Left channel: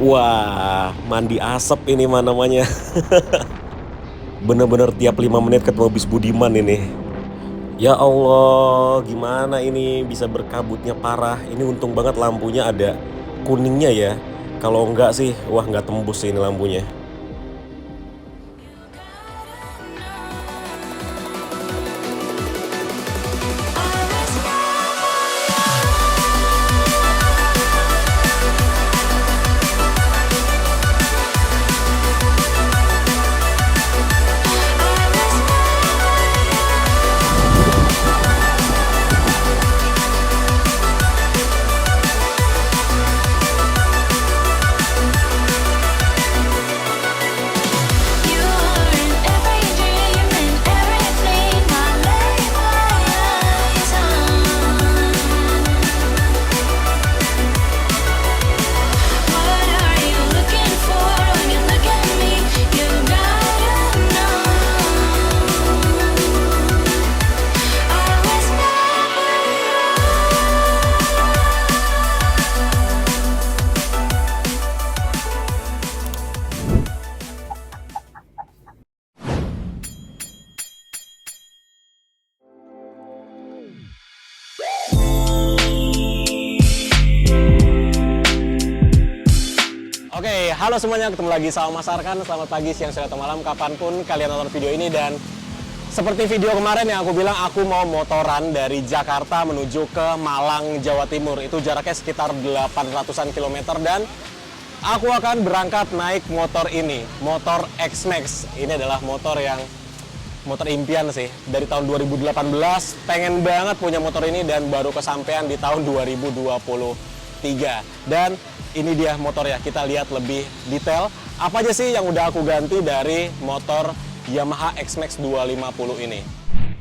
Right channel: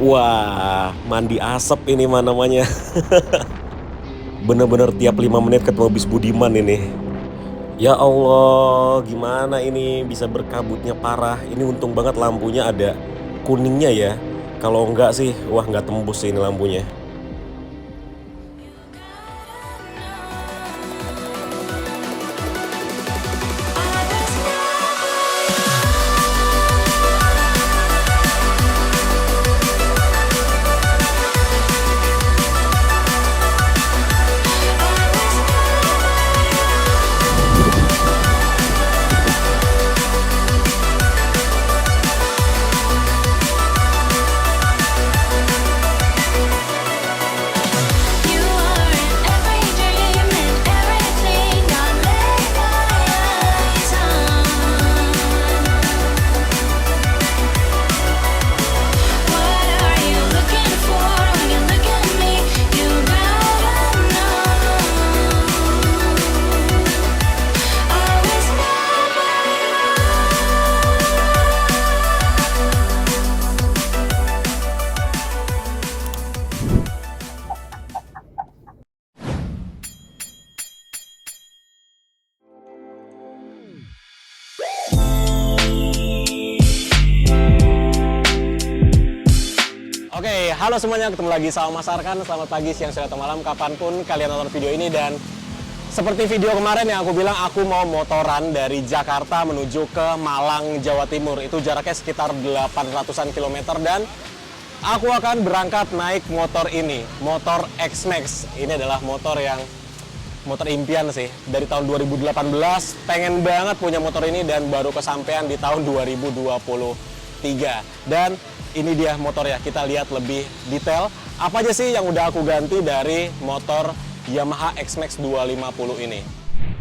Wah, mandi asap ini mah namanya. Bener-bener tiap 5 menit ketemu bis Budiman ini. Ya Allah, gimana ini bisa berkabutnya parah. Ini untung banget lampunya ada kuningnya ya. Kalau enggak sih, wah nggak tembus sih ini lampunya. Oke, halo semuanya, ketemu lagi sama Mas Arkan. Selamat pagi, siang, sore, atau malam, kapanpun kalian nonton video ini. Dan seperti video kemarin yang aku bilang, aku mau motoran dari Jakarta menuju ke Malang, Jawa Timur. Itu jaraknya sekitar 800-an kilometer. Dan aku akan berangkat naik motor ini, motor X-Max. Ini adalah motor impian sih. Dari tahun 2018, pengen banget punya motor ini dan baru kesampaian di tahun 2023. Dan ini dia motor ya, kita lihat lebih detail apa aja sih yang udah aku ganti dari motor Yamaha X-Max 250 ini.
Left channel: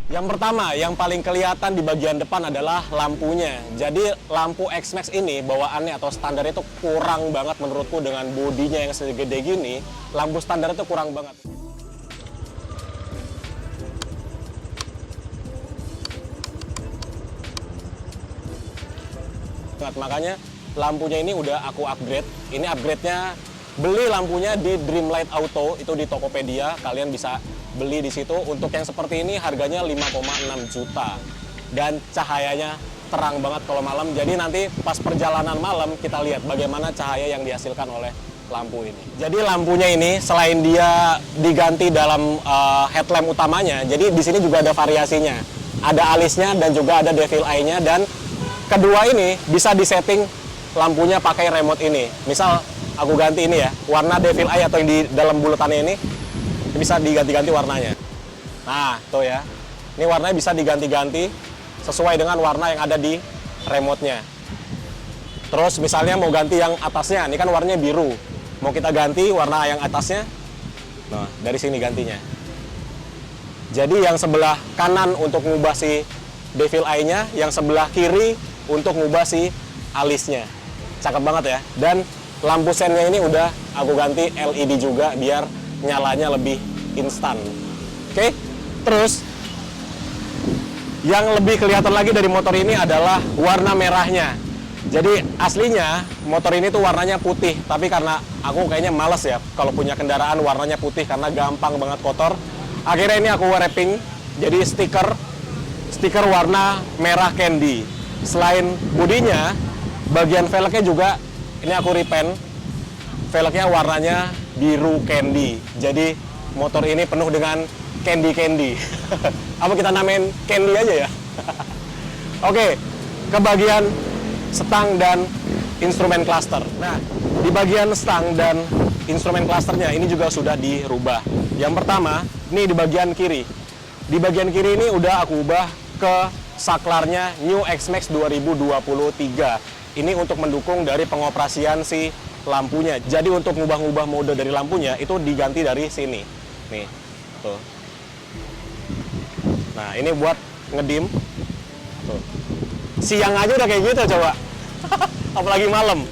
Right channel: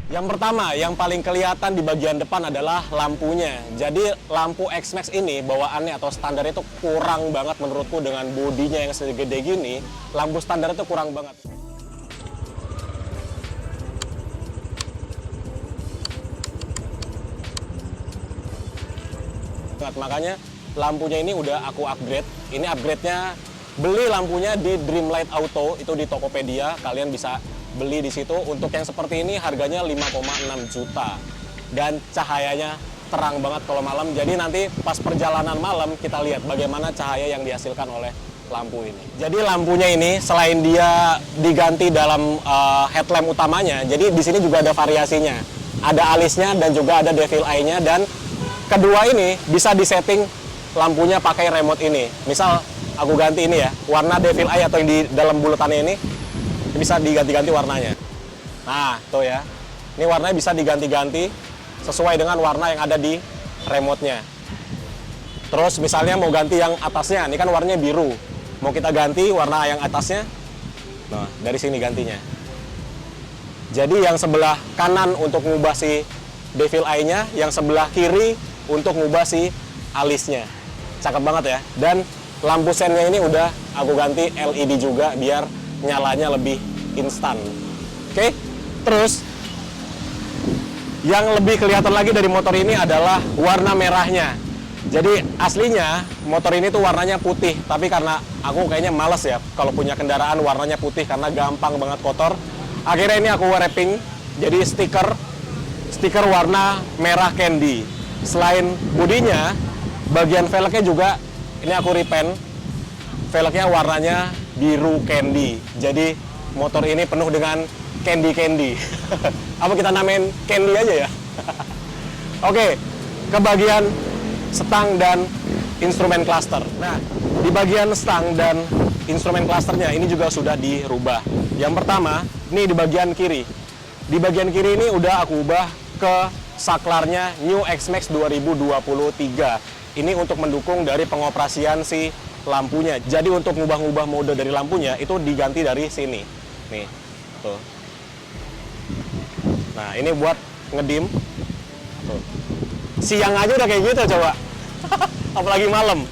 Yang pertama, yang paling kelihatan di bagian depan adalah lampunya. Jadi lampu X-Max ini bawaannya atau standar itu kurang banget menurutku. Dengan bodinya yang segede gini, lampu standar itu kurang banget. Makanya lampunya ini udah aku upgrade. Ini upgrade-nya beli lampunya di Dreamlight Auto, itu di Tokopedia. Kalian bisa beli di situ. Untuk yang seperti ini harganya 5,6 juta. Dan cahayanya terang banget kalau malam. Jadi nanti pas perjalanan malam kita lihat bagaimana cahaya yang dihasilkan oleh lampu ini. Jadi lampunya ini selain dia diganti dalam headlamp utamanya, jadi di sini juga ada variasinya. Ada alisnya dan juga ada devil eye-nya. Dan kedua ini bisa disetting lampunya pakai remote ini. Misal aku ganti ini ya, warna devil eye atau yang di dalam bulatannya ini bisa diganti-ganti warnanya. Nah, tuh ya. Ini warnanya bisa diganti-ganti sesuai dengan warna yang ada di remote-nya. Terus misalnya mau ganti yang atasnya, ini kan warnanya biru. Mau kita ganti warna yang atasnya, nah dari sini gantinya. Jadi yang sebelah kanan untuk ngubah si devil eye-nya, yang sebelah kiri untuk ngubah si alisnya. Cakep banget ya. Dan lampu sennya ini udah aku ganti LED juga biar nyalanya lebih instan. Oke. Terus yang lebih kelihatan lagi dari motor ini adalah warna merahnya. Jadi aslinya motor ini tuh warnanya putih, tapi karena aku kayaknya males ya kalau punya kendaraan warnanya putih karena gampang banget kotor. Akhirnya ini aku wrapping jadi stiker warna merah candy. Selain bodinya, bagian velgnya juga ini aku repaint. Velgnya warnanya biru candy. Jadi motor ini penuh dengan candy. Apa kita namain candy aja ya? Oke, ke bagian stang dan instrumen cluster. Nah, di bagian stang dan instrumen clusternya ini juga sudah dirubah. Yang pertama, ini di bagian kiri. Di bagian kiri ini udah aku ubah ke saklarnya New X-Max 2023. Ini untuk mendukung dari pengoperasian si lampunya. Jadi untuk ngubah-ngubah mode dari lampunya itu diganti dari sini. Nih, tuh. Nah, ini buat ngedim. Tuh. Siang aja udah kayak gitu coba. Apalagi malam.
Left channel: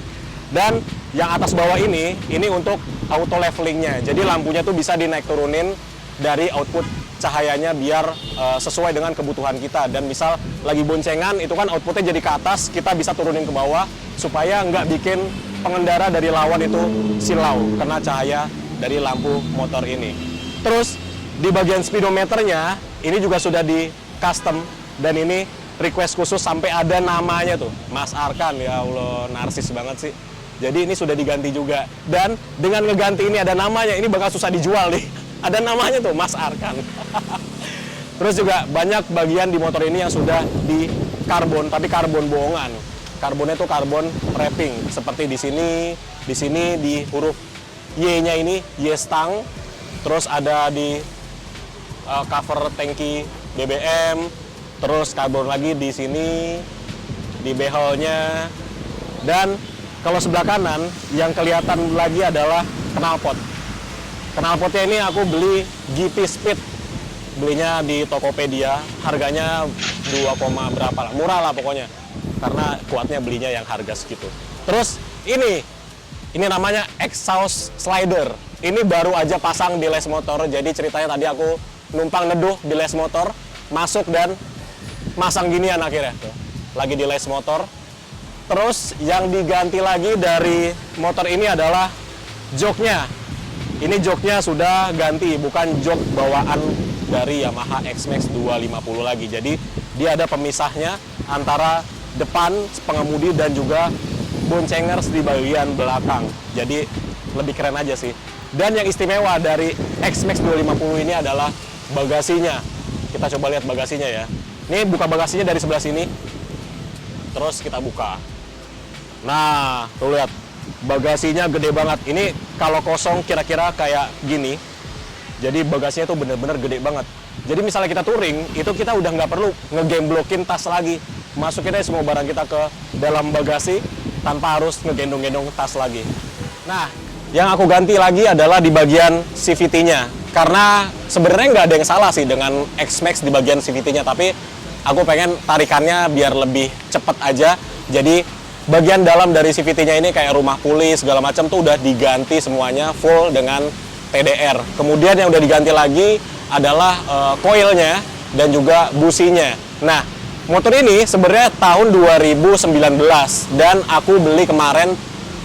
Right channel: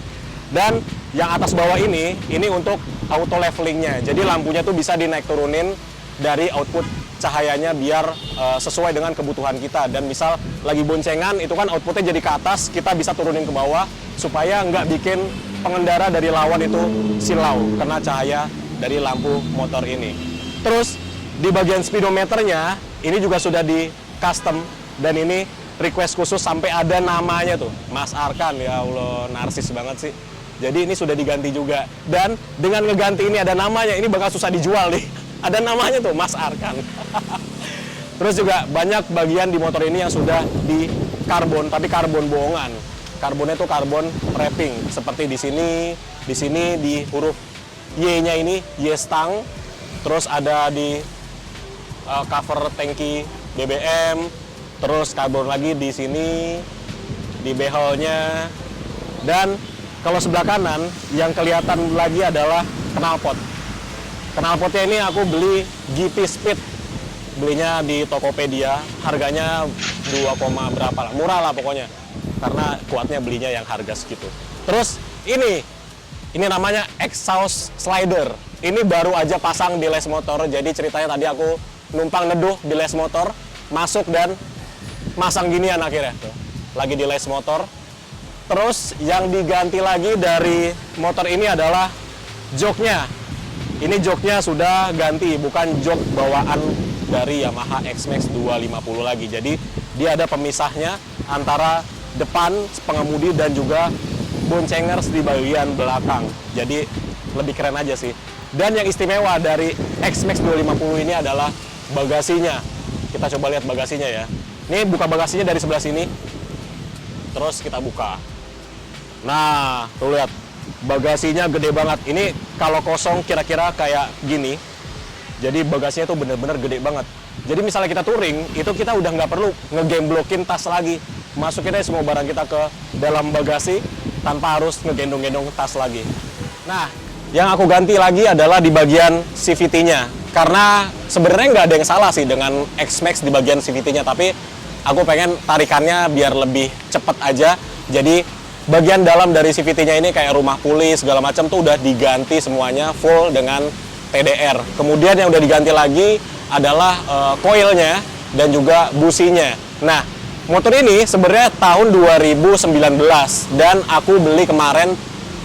Dan yang atas bawah ini untuk auto levelingnya. Jadi lampunya tuh bisa dinaik turunin dari output cahayanya biar sesuai dengan kebutuhan kita. Dan misal lagi boncengan itu kan outputnya jadi ke atas, kita bisa turunin ke bawah supaya nggak bikin pengendara dari lawan itu silau kena cahaya dari lampu motor ini. Terus di bagian speedometernya ini juga sudah di custom dan ini request khusus sampai ada namanya tuh, Mas Arkan. Ya Allah, narsis banget sih. Jadi ini sudah diganti juga. Dan dengan ngeganti ini ada namanya, ini bakal susah dijual nih. Ada namanya tuh, Mas Arkan. Terus juga banyak bagian di motor ini yang sudah di karbon, tapi karbon bohongan. Karbonnya itu karbon wrapping, seperti di sini di huruf Y-nya ini Y stang. Terus ada di cover tangki BBM, terus karbon lagi di sini di beholnya. Dan kalau sebelah kanan yang kelihatan lagi adalah knalpot. Knalpotnya ini aku beli GP Speed. Belinya di Tokopedia, harganya 2, berapa lah, murah lah pokoknya. Karena kuatnya belinya yang harga segitu. Terus ini namanya exhaust slider. Ini baru aja pasang di les motor. Jadi ceritanya tadi aku numpang neduh di les motor, masuk dan masang ginian akhirnya. Tuh, lagi di les motor. Terus yang diganti lagi dari motor ini adalah joknya. Ini joknya sudah ganti, bukan jok bawaan dari Yamaha X-Max 250 lagi. Jadi dia ada pemisahnya antara depan pengemudi dan juga boncengers di bagian belakang. Jadi lebih keren aja sih. Dan yang istimewa dari X-Max 250 ini adalah bagasinya. Kita coba lihat bagasinya ya. Ini buka bagasinya dari sebelah sini. Terus kita buka. Nah, tuh lihat. Bagasinya gede banget. Ini kalau kosong kira-kira kayak gini. Jadi bagasinya tuh bener-bener gede banget. Jadi misalnya kita touring, itu kita udah nggak perlu ngegemblockin tas lagi. Masukin aja semua barang kita ke dalam bagasi tanpa harus ngegendong-gendong tas lagi. Nah, yang aku ganti lagi adalah di bagian CVT-nya. Karena sebenarnya nggak ada yang salah sih dengan X-Max di bagian CVT-nya, tapi aku pengen tarikannya biar lebih cepet aja. Jadi bagian dalam dari CVT-nya ini kayak rumah puli segala macam tuh udah diganti semuanya full dengan TDR. Kemudian yang udah diganti lagi adalah coilnya dan juga businya. Nah, motor ini sebenarnya tahun 2019 dan aku beli kemarin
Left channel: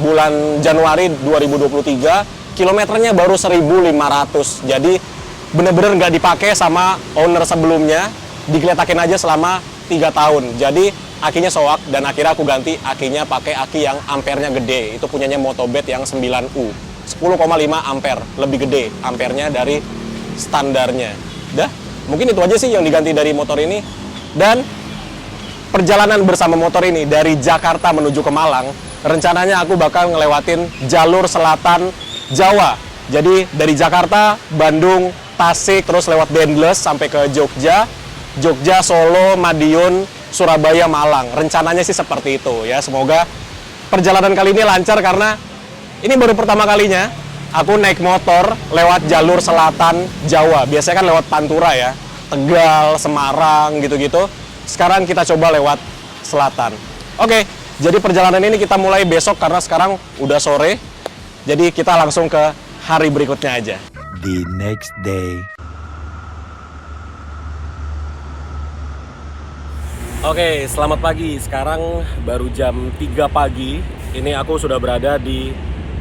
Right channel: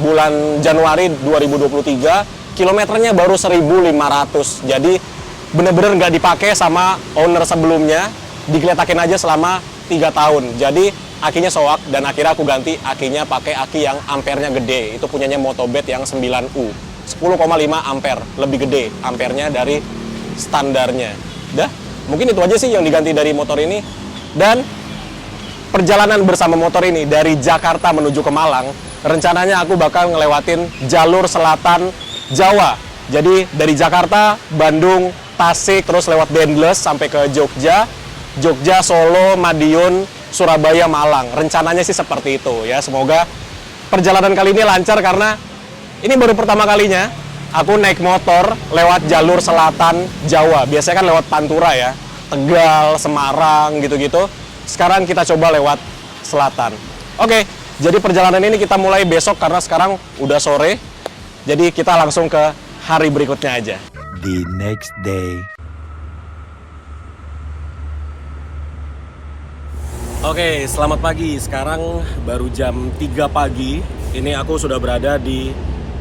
bulan Januari 2023. Kilometernya baru 1.500. Jadi bener-bener nggak dipakai sama owner sebelumnya. Digeletakin aja selama 3 tahun. Jadi akinya soak dan akhirnya aku ganti akinya pakai aki yang ampernya gede. Itu punyanya Motobet yang 9U. 10,5 ampere, lebih gede ampernya dari standarnya. Dah, mungkin itu aja sih yang diganti dari motor ini. Dan perjalanan bersama motor ini dari Jakarta menuju ke Malang, rencananya aku bakal ngelewatin jalur selatan Jawa. Jadi dari Jakarta, Bandung, Tasik, terus lewat Dendles sampai ke Jogja, Solo, Madiun, Surabaya, Malang. Rencananya sih seperti itu ya. Semoga perjalanan kali ini lancar karena ini baru pertama kalinya aku naik motor lewat jalur selatan Jawa. Biasanya kan lewat Pantura ya, Tegal, Semarang gitu-gitu. Sekarang kita coba lewat selatan. Oke, jadi perjalanan ini kita mulai besok karena sekarang udah sore. Jadi kita langsung ke hari berikutnya aja. The next day. Oke, selamat pagi. Sekarang baru jam 3 pagi. Ini aku sudah berada di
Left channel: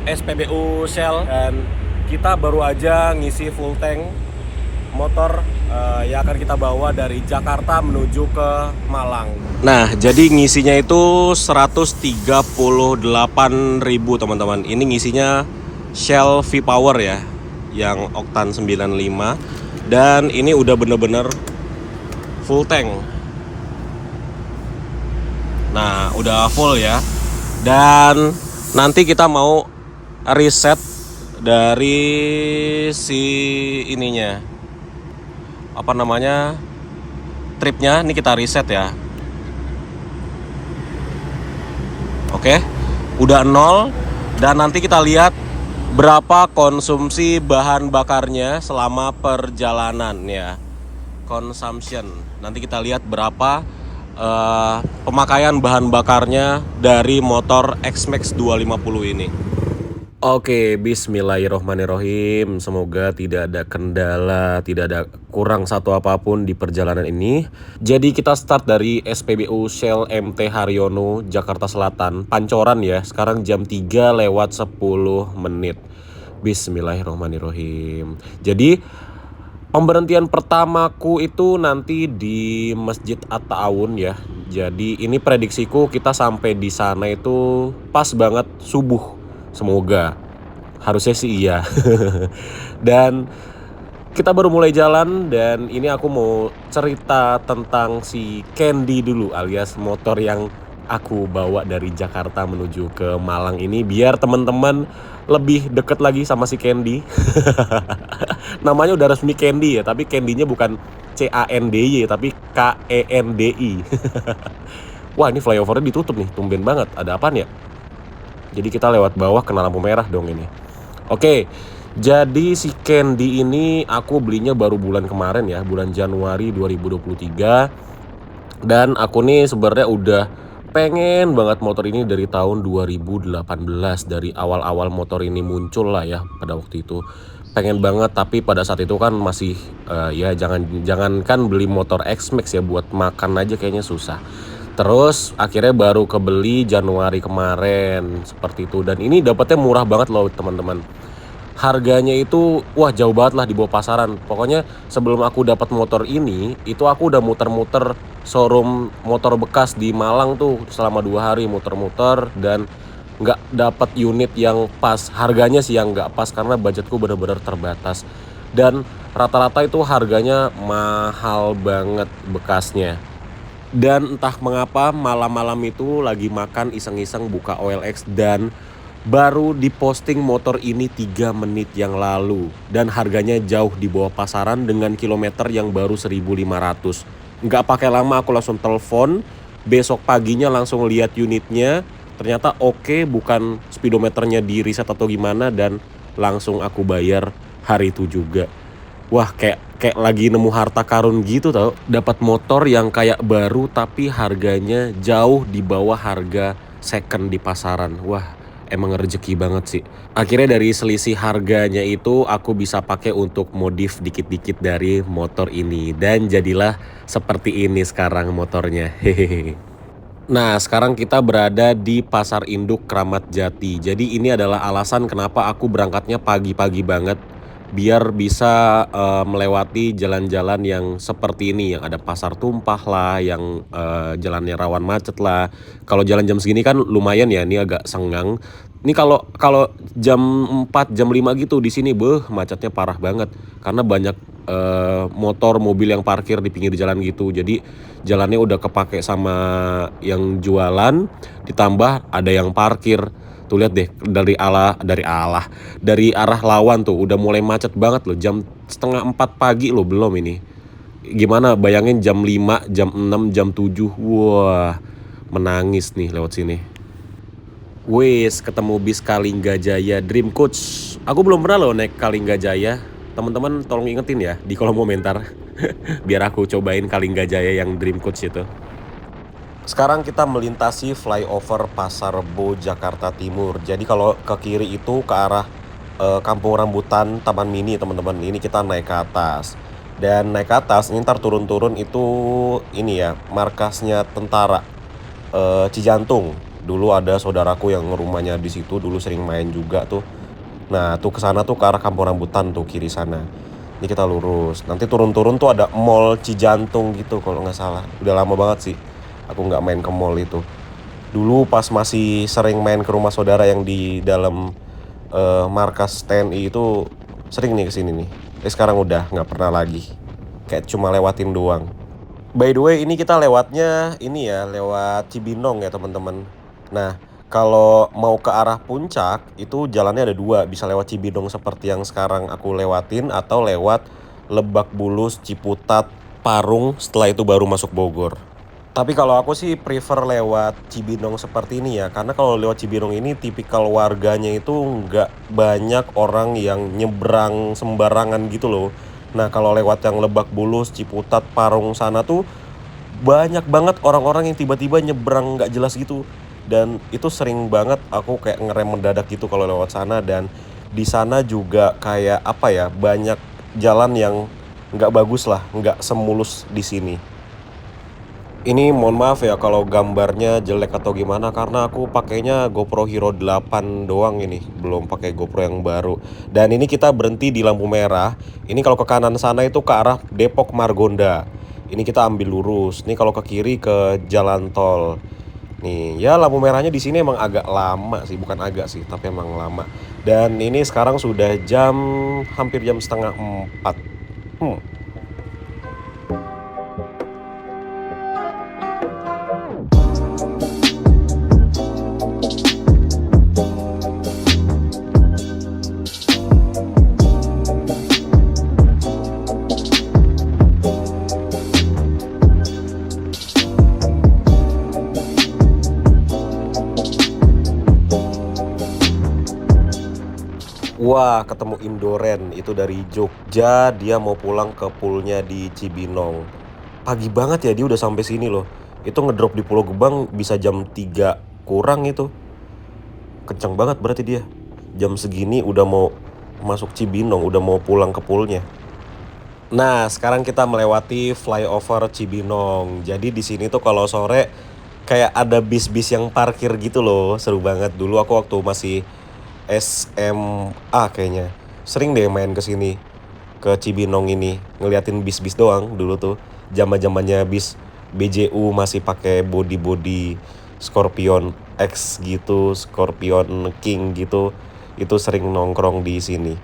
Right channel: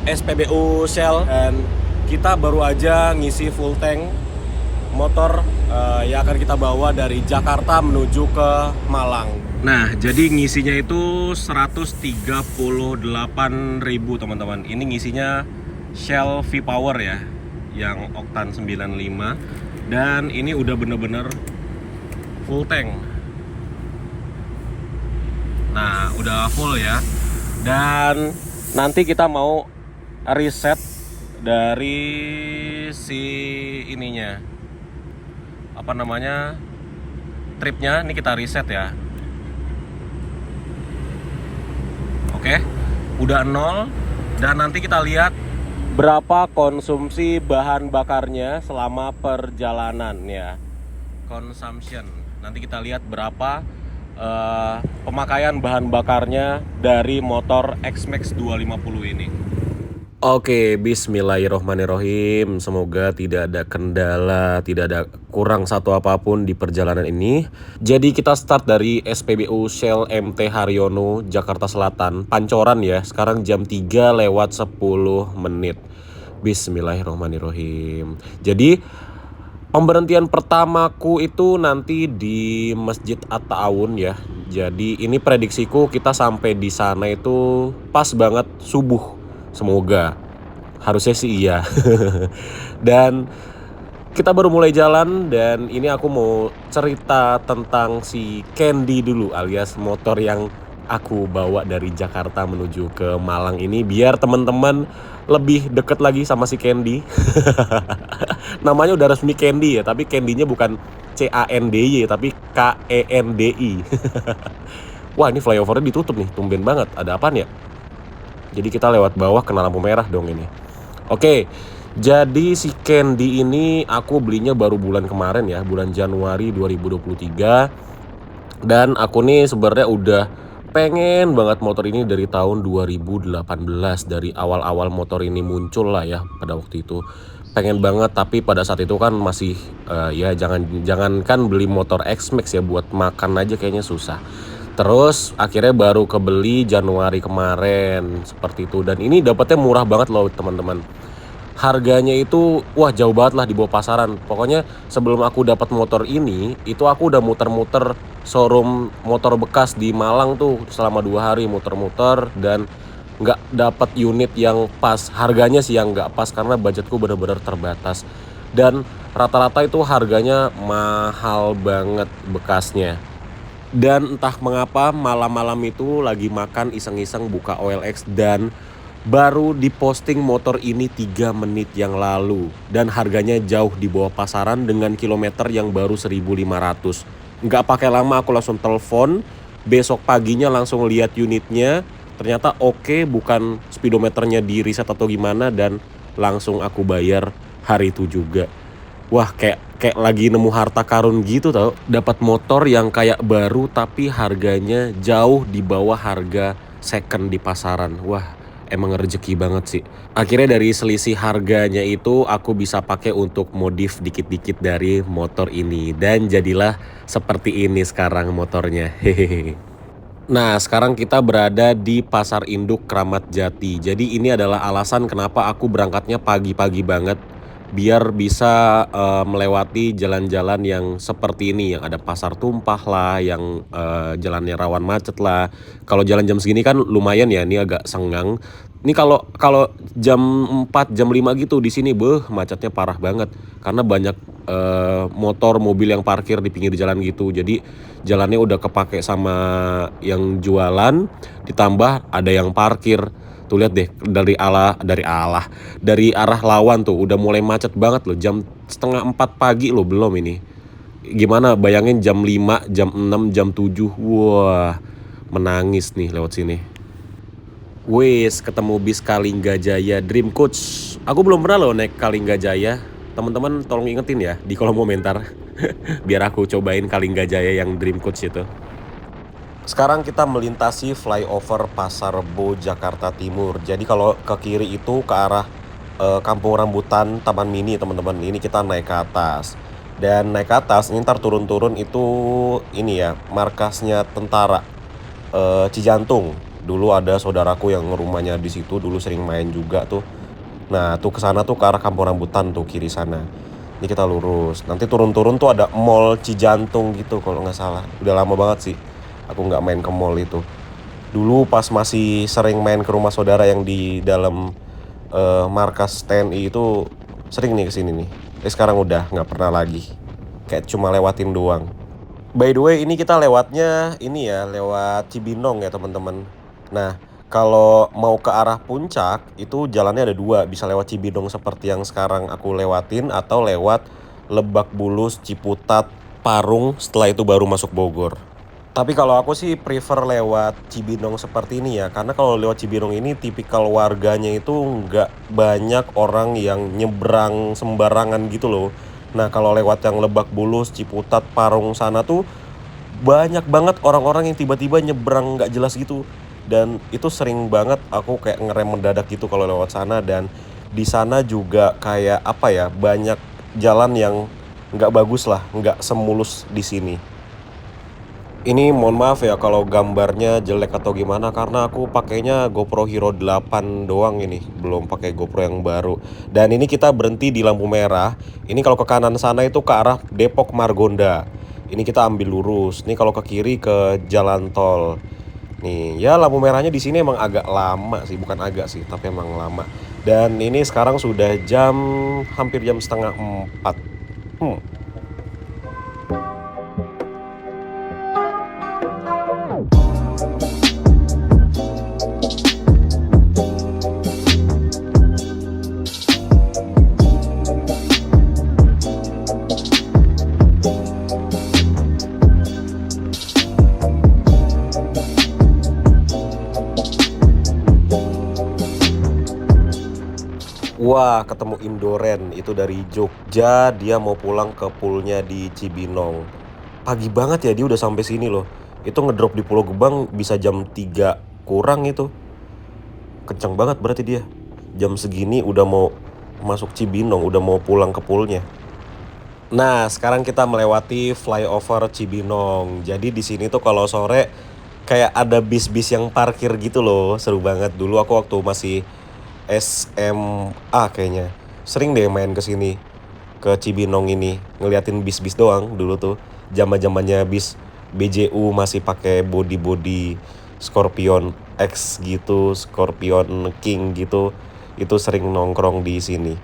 SPBU Shell dan kita baru aja ngisi full tank motor yang akan kita bawa dari Jakarta menuju ke Malang. Nah, jadi ngisinya itu 138.000 teman-teman. Ini ngisinya Shell V-Power ya, yang oktan 95. Dan ini udah bener-bener full tank. Nah, udah full ya. Dan nanti kita mau reset dari si ininya, apa namanya, tripnya. Ini kita reset ya. Oke, udah 0. Dan nanti kita lihat berapa konsumsi bahan bakarnya selama perjalanan ya. Consumption. Nanti kita lihat berapa pemakaian bahan bakarnya dari motor X-Max 250 ini. Oke, bismillahirrohmanirrohim. Semoga tidak ada kendala, tidak ada kurang satu apapun di perjalanan ini. Jadi kita start dari SPBU Shell MT Haryono, Jakarta Selatan, Pancoran ya. Sekarang jam 3 lewat 10 menit. Bismillahirrohmanirrohim. Jadi pemberhentian pertamaku itu nanti di Masjid At-Ta'awun ya. Jadi ini prediksiku kita sampai di sana itu pas banget subuh. Semoga. Harusnya sih iya. Dan kita baru mulai jalan dan ini aku mau cerita tentang si Candy dulu alias motor yang aku bawa dari Jakarta menuju ke Malang ini biar teman-teman lebih deket lagi sama si Candy. Namanya udah resmi Candy ya, tapi Candy-nya bukan CANDY tapi KENDI. Wah, ini flyovernya ditutup nih, tumben banget. Ada apaan ya? Jadi kita lewat bawah kena lampu merah dong ini. Oke, jadi si Candy ini aku belinya baru bulan kemarin ya, bulan Januari 2023. Dan aku nih sebenarnya udah pengen banget motor ini dari tahun 2018. Dari awal-awal motor ini muncul lah ya pada waktu itu. Pengen banget, tapi pada saat itu kan masih ya jangankan beli motor X-Max ya, buat makan aja kayaknya susah. Terus akhirnya baru kebeli Januari kemarin seperti itu. Dan ini dapatnya murah banget loh teman-teman. Harganya itu wah jauh banget lah di bawah pasaran. Pokoknya sebelum aku dapat motor ini, itu aku udah muter-muter showroom motor bekas di Malang tuh selama 2 hari muter-muter dan nggak dapat unit yang pas. Harganya sih yang nggak pas karena budgetku bener-bener terbatas. Dan rata-rata itu harganya mahal banget bekasnya. Dan entah mengapa malam-malam itu lagi makan iseng-iseng buka OLX dan baru diposting motor ini 3 menit yang lalu. Dan harganya jauh di bawah pasaran dengan kilometer yang baru 1.500. Nggak pakai lama aku langsung telepon. Besok paginya langsung lihat unitnya. Ternyata oke, bukan speedometernya di reset atau gimana. Dan langsung aku bayar hari itu juga. Wah, kayak lagi nemu harta karun gitu tau. Dapat motor yang kayak baru tapi harganya jauh di bawah harga second di pasaran. Wah, emang rezeki banget sih. Akhirnya dari selisih harganya itu aku bisa pakai untuk modif dikit-dikit dari motor ini. Dan jadilah seperti ini sekarang motornya. Hehehe. Nah, sekarang kita berada di Pasar Induk Kramat Jati. Jadi ini adalah alasan kenapa aku berangkatnya pagi-pagi banget. Biar bisa melewati jalan-jalan yang seperti ini. Yang ada pasar tumpah lah, yang jalannya rawan macet lah. Kalau jalan jam segini kan lumayan ya, ini agak senggang. Ini kalau jam 4, jam 5 gitu di sini macetnya parah banget. Karena banyak motor, mobil yang parkir di pinggir jalan gitu. Jadi jalannya udah kepake sama yang jualan, ditambah ada yang parkir. Tuh lihat deh dari arah lawan tuh udah mulai macet banget loh. Jam setengah 4 pagi loh belum ini. Gimana bayangin jam 5, jam 6, jam 7. Wah, menangis nih lewat sini. Wes ketemu bis Kalingga Jaya Dream Coach. Aku belum pernah loh naik Kalingga Jaya. Teman-teman tolong ingetin ya di kolom komentar. Biar aku cobain Kalingga Jaya yang Dream Coach itu. Sekarang kita melintasi flyover Pasar Rebo Jakarta Timur. Jadi kalau ke kiri itu ke arah Kampung Rambutan Taman Mini teman-teman. Ini kita naik ke atas. Dan naik ke atas ini ntar turun-turun itu ini ya markasnya tentara Cijantung. Dulu ada saudaraku yang rumahnya di situ, dulu sering main juga tuh. Nah tuh ke sana tuh ke arah Kampung Rambutan tuh kiri sana. Ini kita lurus. Nanti turun-turun tuh ada Mall Cijantung gitu kalau nggak salah. Udah lama banget sih aku nggak main ke mall itu. Dulu pas masih sering main ke rumah saudara yang di dalam markas TNI itu sering nih kesini nih. Sekarang udah nggak pernah lagi. Kayak cuma lewatin doang. By the way ini kita lewatnya ini ya lewat Cibinong ya teman-teman. Nah kalau mau ke arah puncak itu jalannya ada 2. Bisa lewat Cibinong seperti yang sekarang aku lewatin atau lewat Lebak Bulus, Ciputat, Parung, setelah itu baru masuk Bogor. Tapi kalau aku sih prefer lewat Cibinong seperti ini ya. Karena kalau lewat Cibinong ini tipikal warganya itu nggak banyak orang yang nyebrang sembarangan gitu loh. Nah kalau lewat yang Lebak Bulus, Ciputat, Parung sana tuh banyak banget orang-orang yang tiba-tiba nyebrang nggak jelas gitu. dan itu sering banget aku kayak ngerem mendadak gitu kalau lewat sana. Dan di sana juga kayak apa ya, banyak jalan yang nggak bagus lah, nggak semulus di sini. Ini mohon maaf ya kalau gambarnya jelek atau gimana, karena aku pakainya GoPro Hero 8 doang ini, belum pakai GoPro yang baru. Dan ini kita berhenti di lampu merah. Ini kalau ke kanan sana itu ke arah Depok Margonda. Ini kita ambil lurus. Nih kalau ke kiri ke jalan tol. Nih, ya lampu merahnya di sini emang agak lama sih, bukan agak sih, tapi emang lama. Dan ini sekarang sudah hampir jam setengah 4. Wah, ketemu Indoren, itu dari Jogja, dia mau pulang ke poolnya di Cibinong. Pagi banget ya dia udah sampai sini loh. Itu ngedrop di Pulau Gebang bisa jam 3 kurang itu. Kenceng banget berarti dia. Jam segini udah mau masuk Cibinong, udah mau pulang ke poolnya. Nah, sekarang kita melewati flyover Cibinong. Jadi di sini tuh kalau sore kayak ada bis-bis yang parkir gitu loh. Seru banget. Dulu aku waktu masih SMA kayaknya sering deh main ke sini, ke Cibinong ini, ngeliatin bis-bis doang dulu tuh. Zaman-zamannya bis BJU masih pakai body Scorpion X gitu, Scorpion King gitu. Itu sering nongkrong di sini.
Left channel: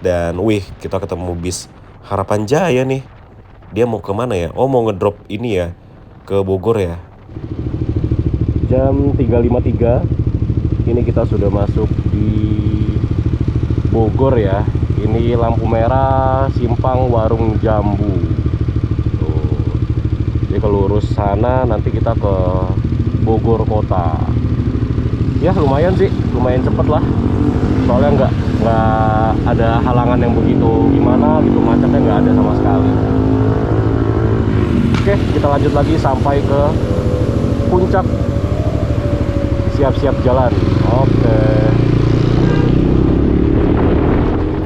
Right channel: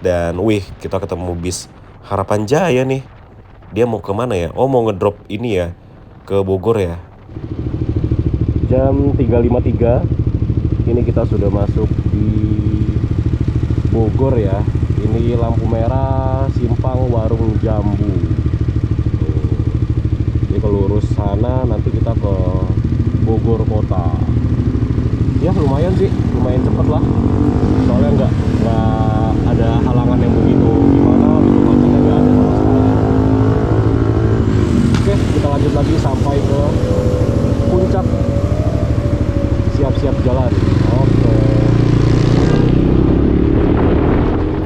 Dan wih, kita ketemu bis Harapan Jaya nih. Dia mau kemana ya? Oh, mau ngedrop ini ya, ke Bogor ya. Jam 3.53. Ini kita sudah masuk di Bogor ya. Ini lampu merah simpang Warung Jambu. Tuh. Jadi kalau lurus sana nanti kita ke Bogor kota. Ya lumayan sih, lumayan cepet lah. Soalnya nggak ada halangan yang begitu gimana gitu, macetnya nggak ada sama sekali. Oke, kita lanjut lagi sampai ke puncak. Siap-siap jalan. Oke.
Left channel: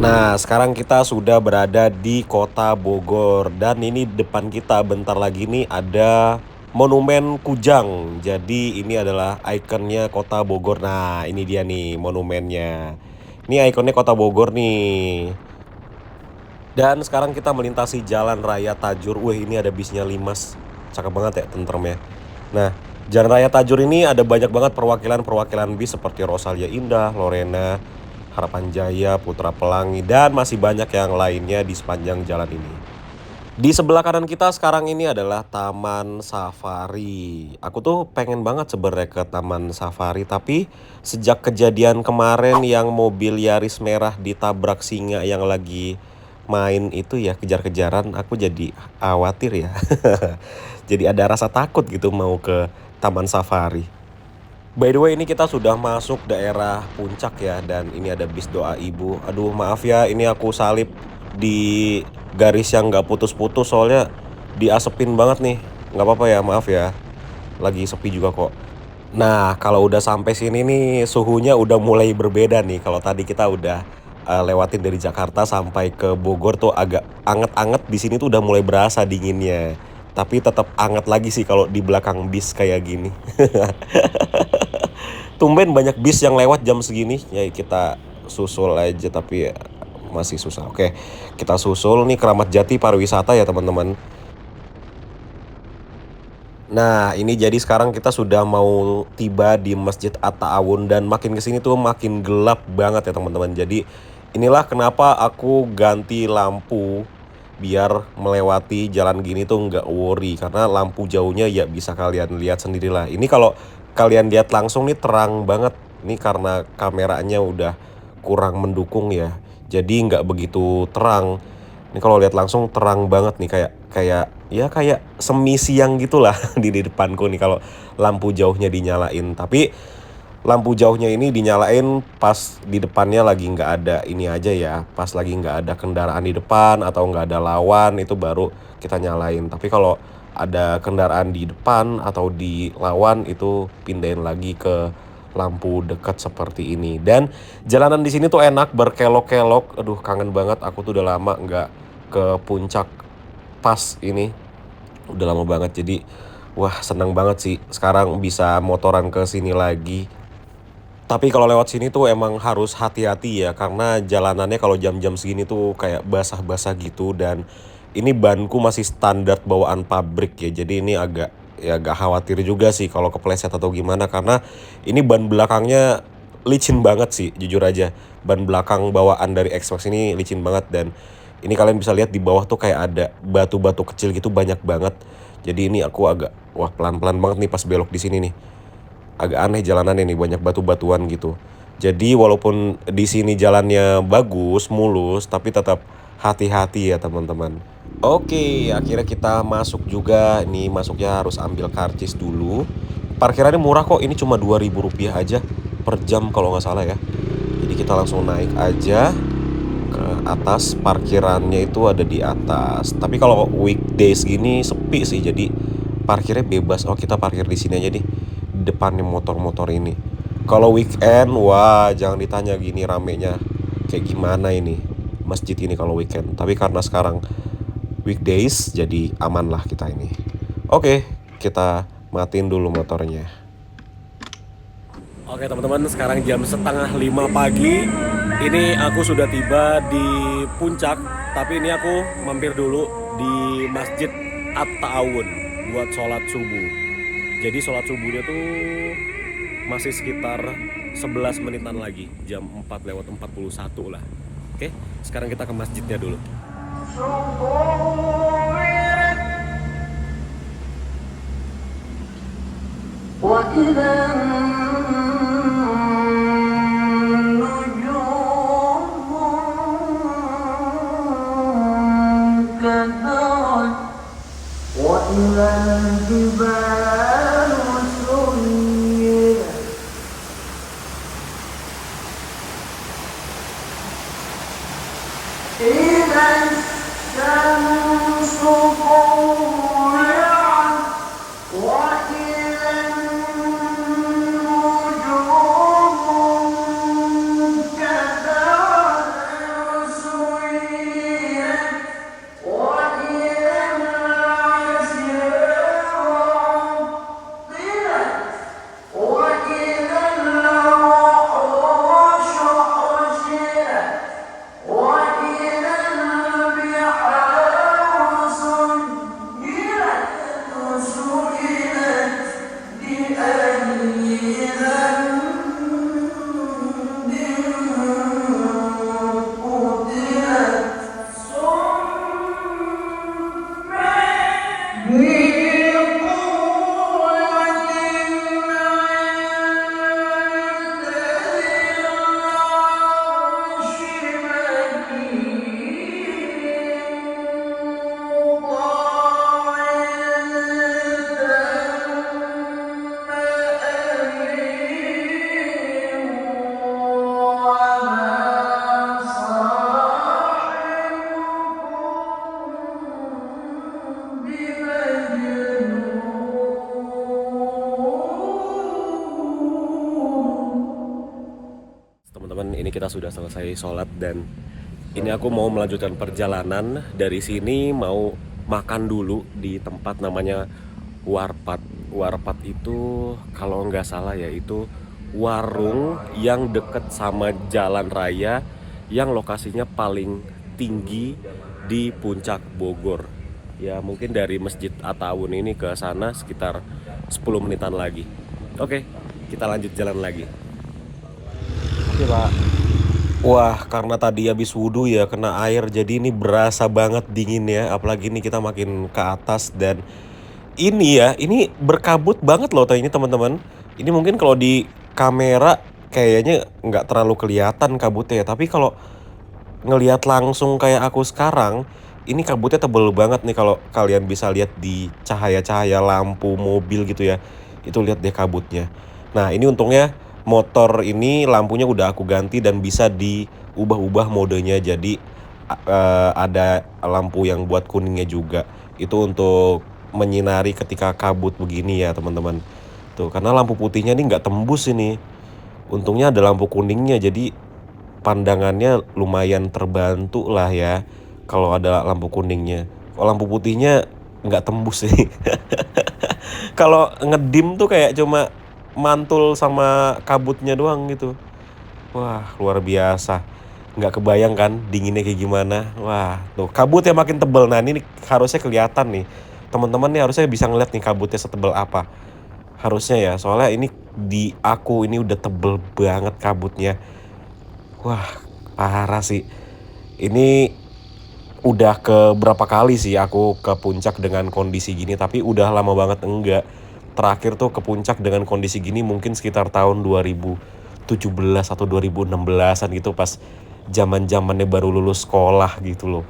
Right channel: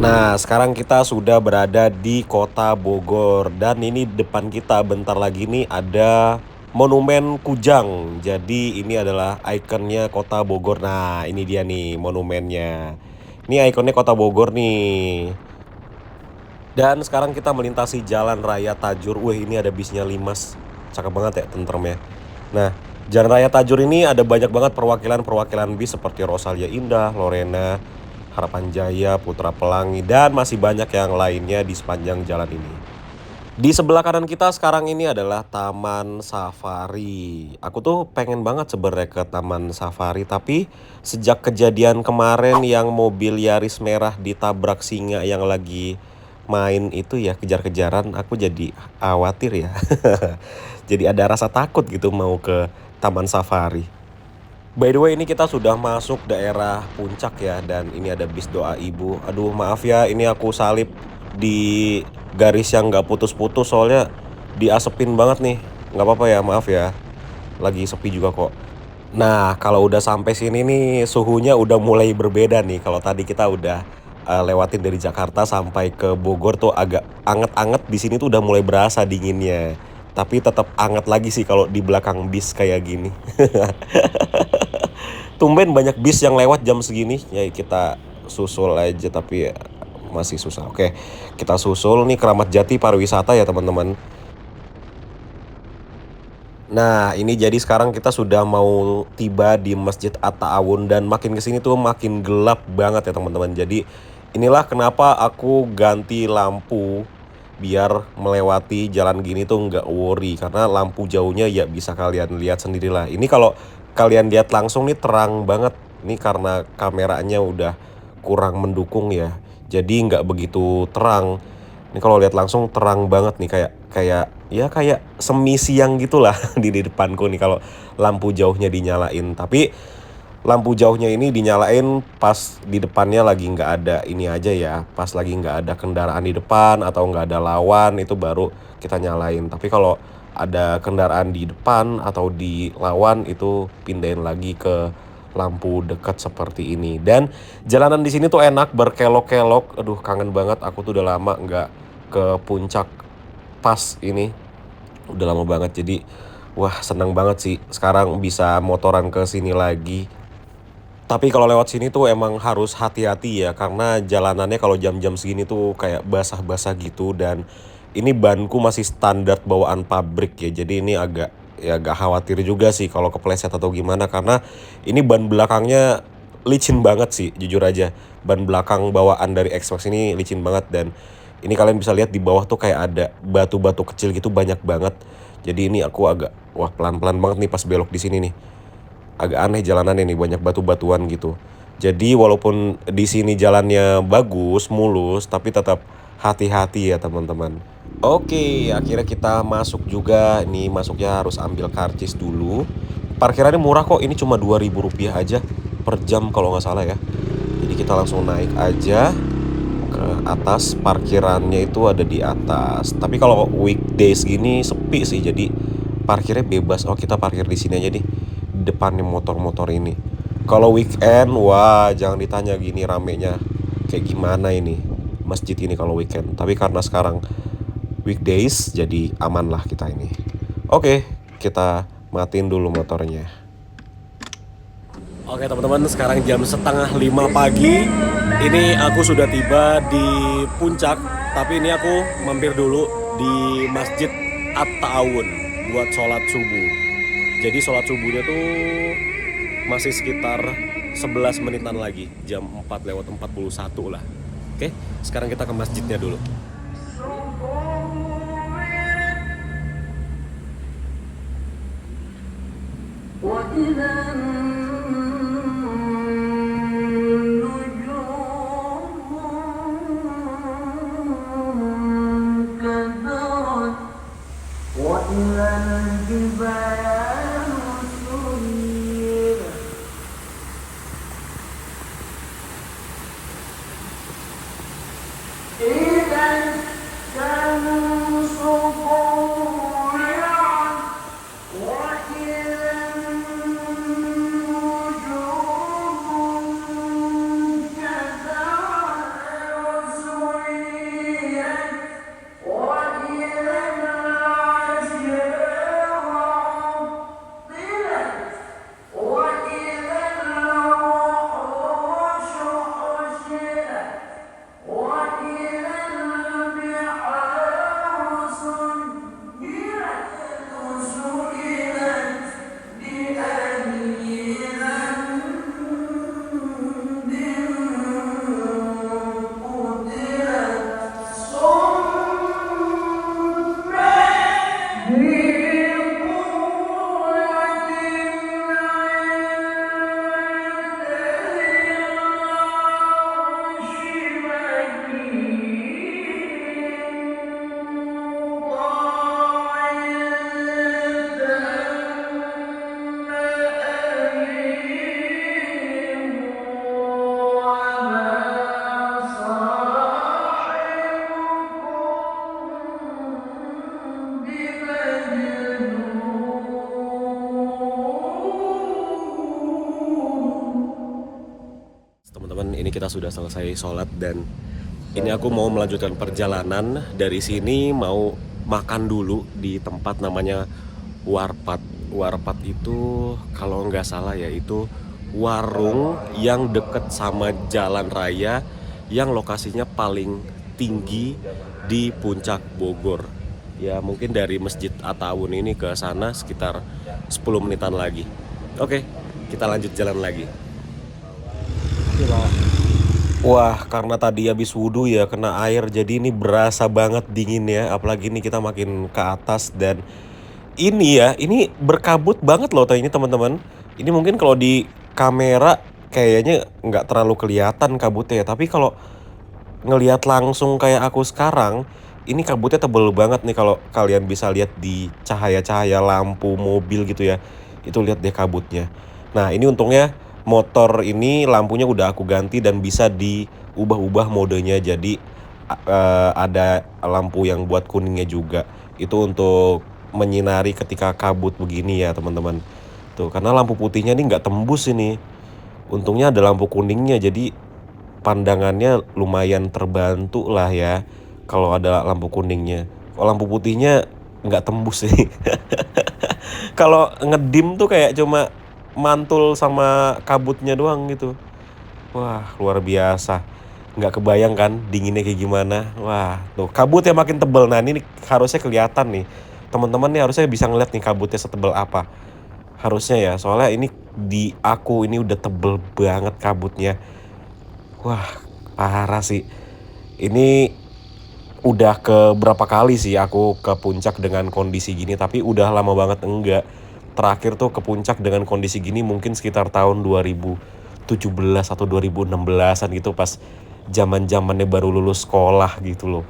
Nah, sekarang kita sudah berada di kota Bogor. Dan ini depan kita bentar lagi nih ada Monumen Kujang. Jadi ini adalah ikonnya kota Bogor. Nah, ini dia nih monumennya. Ini ikonnya kota Bogor nih. Dan sekarang kita melintasi Jalan Raya Tajur. Wih, ini ada bisnya Limas. Cakep banget ya, tentrem ya. Nah, Jalan Raya Tajur ini ada banyak banget perwakilan bis seperti Rosalia Indah, Lorena, Harapan Jaya, Putra Pelangi, dan masih banyak yang lainnya di sepanjang jalan ini. Di sebelah kanan kita sekarang ini adalah Taman Safari. Aku tuh pengen banget sebenarnya ke Taman Safari, tapi sejak kejadian kemarin yang mobil Yaris merah ditabrak singa yang lagi main itu ya, kejar-kejaran, aku jadi khawatir ya. Jadi ada rasa takut gitu mau ke Taman Safari. By the way, ini kita sudah masuk daerah puncak ya, dan ini ada bis doa ibu. Aduh, maaf ya, ini aku salip di garis yang nggak putus-putus soalnya diasepin banget nih. Nggak apa-apa ya, maaf ya. Lagi sepi juga kok. Nah, kalau udah sampai sini nih suhunya udah mulai berbeda nih. Kalau tadi kita udah lewatin dari Jakarta sampai ke Bogor tuh agak anget-anget, di sini tuh udah mulai berasa dinginnya. Tapi tetap anget lagi sih kalau di belakang bis kayak gini. Tumben banyak bis yang lewat jam segini. Ya kita susul aja, tapi ya masih susah. Oke, kita susul nih Keramat Jati pariwisata ya teman-teman. Nah, ini jadi sekarang kita sudah mau tiba di Masjid At-Ta'awun, dan makin kesini tuh makin gelap banget ya teman-teman. Jadi inilah kenapa aku ganti lampu biar melewati jalan gini tuh nggak worry, karena lampu jauhnya ya bisa kalian lihat sendirilah. Ini kalau kalian lihat langsung nih terang banget. Ini karena kameranya udah kurang mendukung ya, jadi nggak begitu terang. Ini kalau lihat langsung terang banget nih, kayak semi siang gitulah di depanku nih kalau lampu jauhnya dinyalain. Tapi lampu jauhnya ini dinyalain pas di depannya lagi nggak ada ini aja ya, pas lagi nggak ada kendaraan di depan atau nggak ada lawan, itu baru kita nyalain. Tapi kalau ada kendaraan di depan atau di lawan itu pindahin lagi ke lampu dekat seperti ini. Dan jalanan di sini tuh enak, berkelok-kelok. Aduh, kangen banget, aku tuh udah lama nggak ke puncak pas ini, udah lama banget. Jadi wah, seneng banget sih sekarang bisa motoran ke sini lagi. Tapi kalau lewat sini tuh emang harus hati-hati ya, karena jalanannya kalau jam-jam segini tuh kayak basah-basah gitu. Dan ini banku masih standar bawaan pabrik ya, jadi ini agak khawatir juga sih kalau kepleset atau gimana, karena ini ban belakangnya licin banget sih jujur aja. Ban belakang bawaan dari X-Max ini licin banget, dan ini kalian bisa lihat di bawah tuh kayak ada batu-batu kecil gitu banyak banget. Jadi ini aku agak pelan-pelan banget nih pas belok di sini nih. Agak aneh jalanannya nih, banyak batu-batuan gitu. Jadi walaupun di sini jalannya bagus, mulus, tapi tetap hati-hati ya teman-teman. Oke, akhirnya kita masuk juga. Nih masuknya harus ambil karcis dulu. Parkirannya murah kok, ini cuma Rp2.000 aja per jam kalau nggak salah ya. Jadi kita langsung naik aja ke atas, parkirannya itu ada di atas. Tapi kalau weekdays gini sepi sih, jadi parkirnya bebas. Oh, kita parkir di sini aja nih, depannya motor-motor ini. Kalau weekend, wah jangan ditanya gini ramenya kayak gimana ini masjid ini kalau weekend. Tapi karena sekarang weekdays, jadi aman lah kita ini. Oke, kita matiin dulu motornya. Oke teman-teman, sekarang jam 4:30 pagi. Ini aku sudah tiba di puncak, tapi ini aku mampir dulu di Masjid At-Ta'awun buat sholat subuh. Jadi sholat subuhnya tuh masih sekitar 11 menitan lagi, jam 4:41 lah. Oke, sekarang kita ke masjidnya dulu. Teman-teman, ini kita sudah selesai sholat dan ini aku mau melanjutkan perjalanan. Dari sini mau makan dulu di tempat namanya Warpat. Warpat itu kalau nggak salah ya itu warung yang deket sama jalan raya yang lokasinya paling tinggi di puncak Bogor. Ya mungkin dari Masjid At-Ta'awun ini ke sana sekitar 10 menitan lagi. Oke, kita lanjut jalan lagi. Wah, karena tadi habis wudhu ya kena air, jadi ini berasa banget dinginnya. Apalagi ini kita makin ke atas dan ini berkabut banget loh ini teman-teman. Ini mungkin kalau di kamera kayaknya nggak terlalu kelihatan kabutnya ya, tapi kalau ngelihat langsung kayak aku sekarang, ini kabutnya tebel banget nih. Kalau kalian bisa lihat di cahaya-cahaya lampu mobil gitu ya, itu lihat deh kabutnya. Nah ini untungnya motor ini lampunya udah aku ganti dan bisa diubah-ubah modenya. Jadi ada lampu yang buat kuningnya juga. Itu untuk menyinari ketika kabut begini ya teman-teman. Tuh, karena lampu putihnya ini nggak tembus ini. Untungnya ada lampu kuningnya, jadi pandangannya lumayan terbantu lah ya kalau ada lampu kuningnya. Kalau lampu putihnya nggak tembus sih. Kalau ngedim tuh kayak cuma mantul sama kabutnya doang gitu. Wah, luar biasa. Nggak kebayang kan dinginnya kayak gimana. Wah, tuh kabutnya makin tebel. Nah, ini harusnya kelihatan nih. Teman-teman nih harusnya bisa ngeliat nih kabutnya setebel apa. Harusnya ya, soalnya ini di aku ini udah tebel banget kabutnya. Wah, parah sih. Ini udah ke berapa kali sih aku ke puncak dengan kondisi gini, tapi udah lama banget enggak. Terakhir tuh ke puncak dengan kondisi gini mungkin sekitar tahun 2017 atau 2016-an gitu, pas zaman-zamannya baru lulus sekolah gitu loh.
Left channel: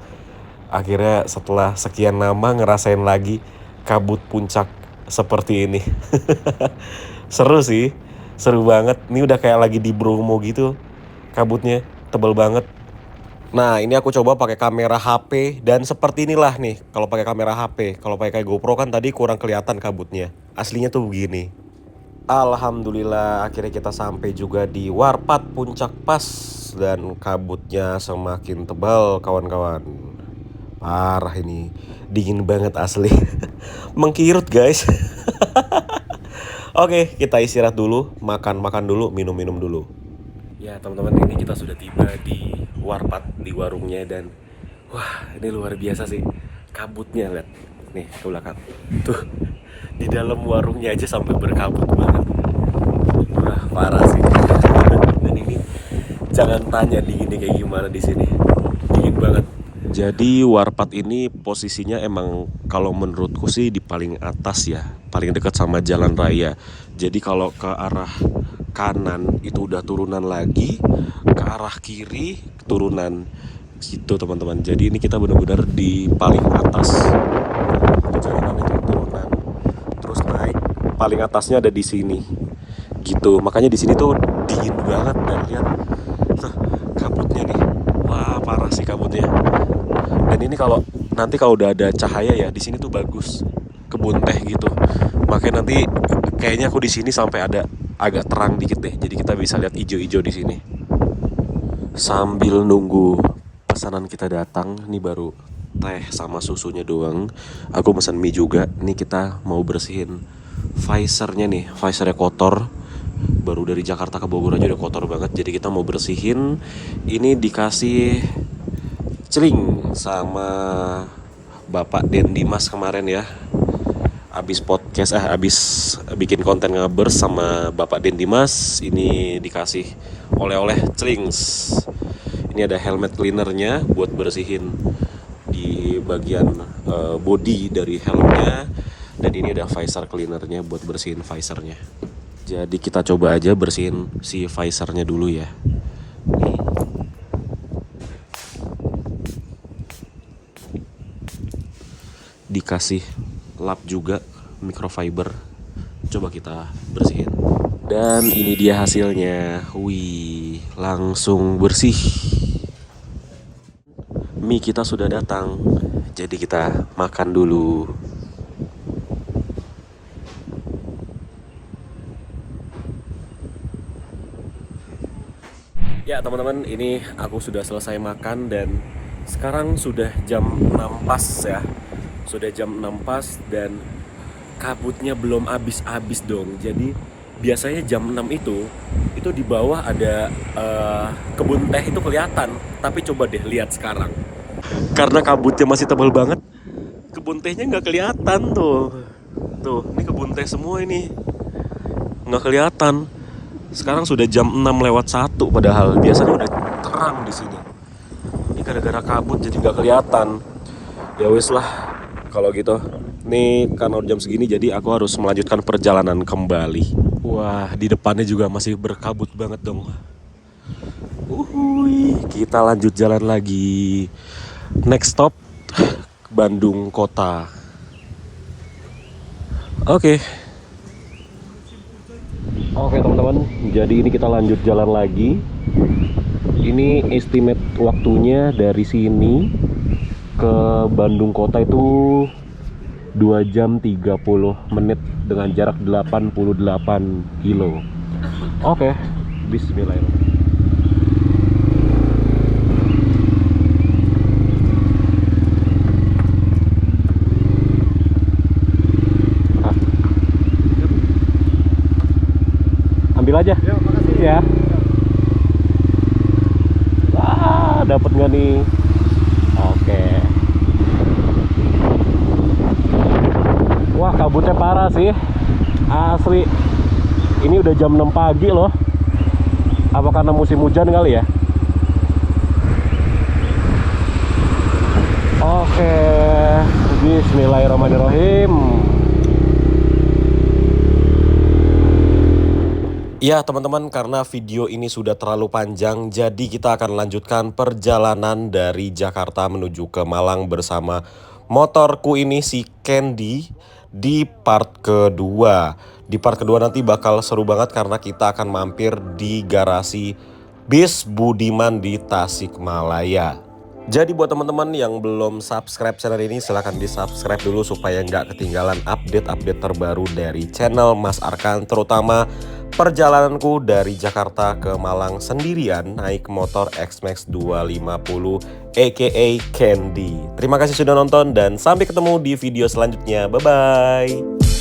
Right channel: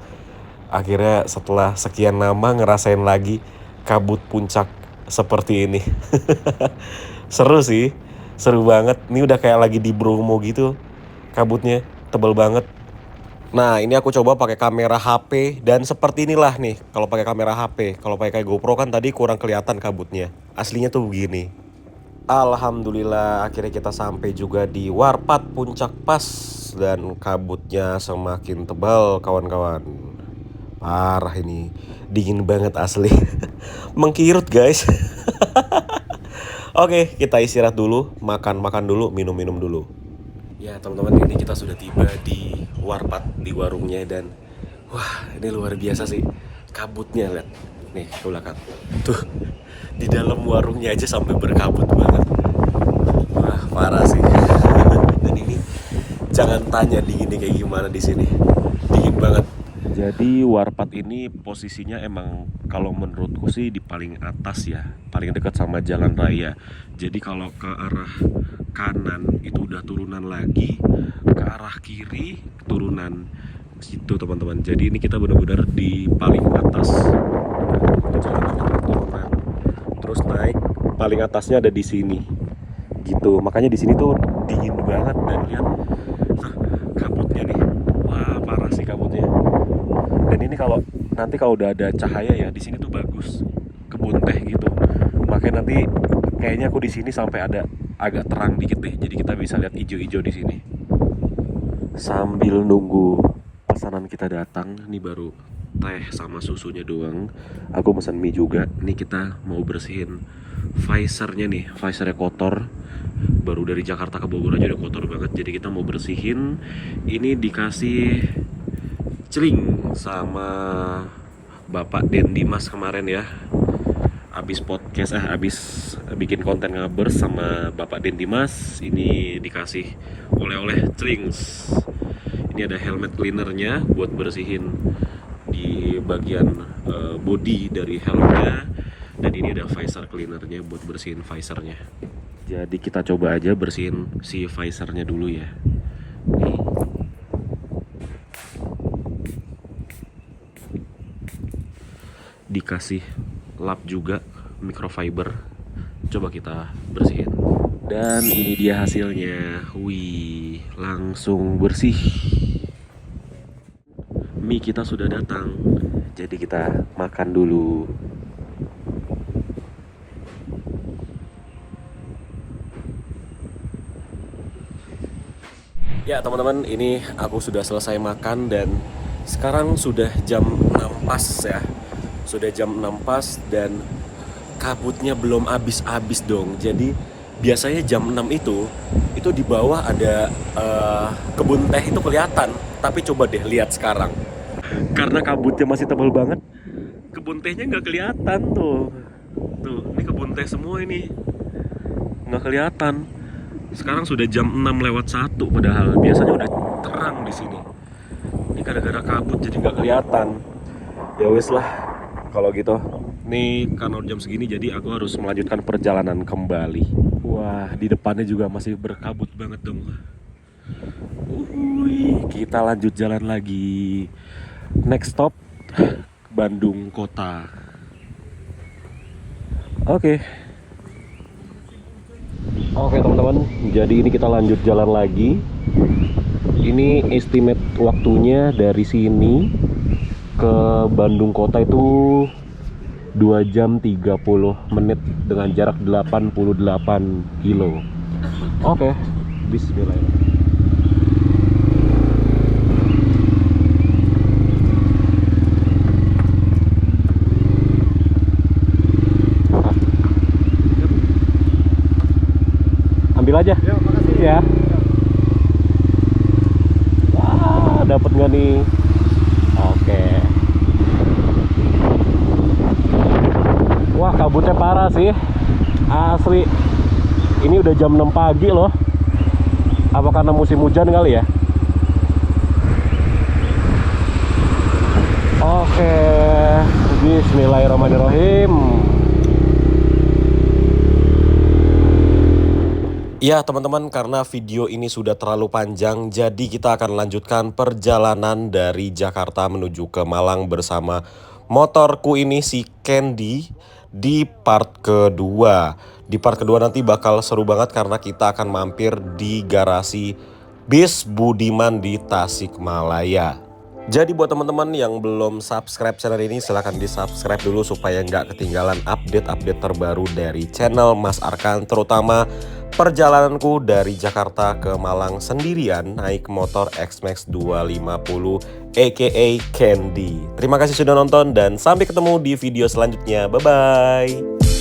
Akhirnya setelah sekian lama ngerasain lagi kabut puncak seperti ini. Seru sih, seru banget. Ini udah kayak lagi di Bromo gitu. Kabutnya tebal banget. Nah, ini aku coba pakai kamera HP dan seperti inilah nih kalau pakai kamera HP. Kalau pakai GoPro kan tadi kurang kelihatan kabutnya. Aslinya tuh begini. Alhamdulillah akhirnya kita sampai juga di Warpat Puncak Pas dan kabutnya semakin tebal kawan-kawan. Parah ini, dingin banget asli. Mengkirut guys. Oke, kita istirahat dulu, makan-makan dulu, minum-minum dulu. Ya teman-teman, ini kita sudah tiba di Warpat, di warungnya, dan wah ini luar biasa sih kabutnya. Lihat nih ke belakang tuh, di dalam warungnya aja sampai berkabut banget. Wah parah sih. Dan ini jangan tanya dinginnya kayak gimana di sini, dingin banget. Jadi Warpat ini posisinya emang kalau menurutku sih di paling atas ya, paling dekat sama jalan raya. Jadi kalau ke arah kanan itu udah turunan lagi, ke arah kiri turunan gitu teman-teman. Jadi ini kita benar-benar di paling atas. Jalanannya turunan, terus naik, paling atasnya ada di sini. Gitu. Makanya di sini tuh dingin banget, dan lihat nah, kabutnya nih. Wah, parah sih kabutnya. Dan ini kalau nanti kalau udah ada cahaya ya di sini tuh bagus, kebun teh gitu. Makanya nanti kayaknya aku di sini sampai ada agak terang dikit deh, jadi kita bisa lihat hijau-hijau di sini. Sambil nunggu pesanan kita datang, ini baru teh sama susunya doang. Aku pesan mie juga. Ini kita mau bersihin visornya nih, visornya kotor. Baru dari Jakarta ke Bogor aja udah kotor banget, jadi kita mau bersihin. Ini dikasih celing sama Bapak Den Dimas kemarin ya. Abis podcast, abis bikin konten ngabers sama Bapak Den Dimas, ini dikasih oleh-oleh celings. Ini ada helmet cleanernya buat bersihin di bagian body dari helmnya, dan ini ada visor cleanernya buat bersihin visornya. Jadi kita coba aja bersihin si visornya dulu ya. Dikasih lap juga microfiber, coba kita bersihin. Dan ini dia hasilnya. Wih, langsung bersih. Mie kita sudah datang, jadi kita makan dulu. Ya teman-teman, ini aku sudah selesai makan dan sekarang sudah jam 6 pas ya. Sudah jam 6 pas dan kabutnya belum habis-habis dong. Jadi biasanya jam 6 itu di bawah ada kebun teh itu kelihatan. Tapi coba deh lihat sekarang. Karena kabutnya masih tebal banget, kebun tehnya nggak kelihatan tuh. Tuh, ini kebun teh semua ini. Nggak kelihatan. Sekarang sudah jam 6:01 padahal biasanya udah terang di sini. Ini gara-gara kabut jadi nggak kelihatan. Ya wes lah, kalau gitu. Nih karena jam segini jadi aku harus melanjutkan perjalanan kembali. Wah, di depannya juga masih berkabut banget dong. Kita lanjut jalan lagi. Next stop Bandung Kota. Oke teman-teman, jadi ini kita lanjut jalan lagi. Ini estimate waktunya dari sini ke Bandung Kota itu 2 jam 30 menit dengan jarak 88 kilo. Oke, bismillahirrahmanirrahim. Ambil aja. Ya, makasih. Ya. Wah, dapat nggak nih? Oke. Wah, kabutnya parah sih. Asli. Ini udah jam 6 pagi loh. Apa karena musim hujan kali ya? Oke. Bismillahirrahmanirrahim. Ya teman-teman, karena video ini sudah terlalu panjang, jadi kita akan lanjutkan perjalanan dari Jakarta menuju ke Malang bersama motorku ini, si Candy, di part kedua. Di part kedua nanti bakal seru banget karena kita akan mampir di garasi Bis Budiman di Tasikmalaya. Jadi buat teman-teman yang belum subscribe channel ini, silahkan di subscribe dulu supaya nggak ketinggalan update-update terbaru dari channel Mas Arkan, terutama perjalananku dari Jakarta ke Malang sendirian naik motor X-Max 250 aka Candy. Terima kasih sudah nonton dan sampai ketemu di video selanjutnya. Bye-bye.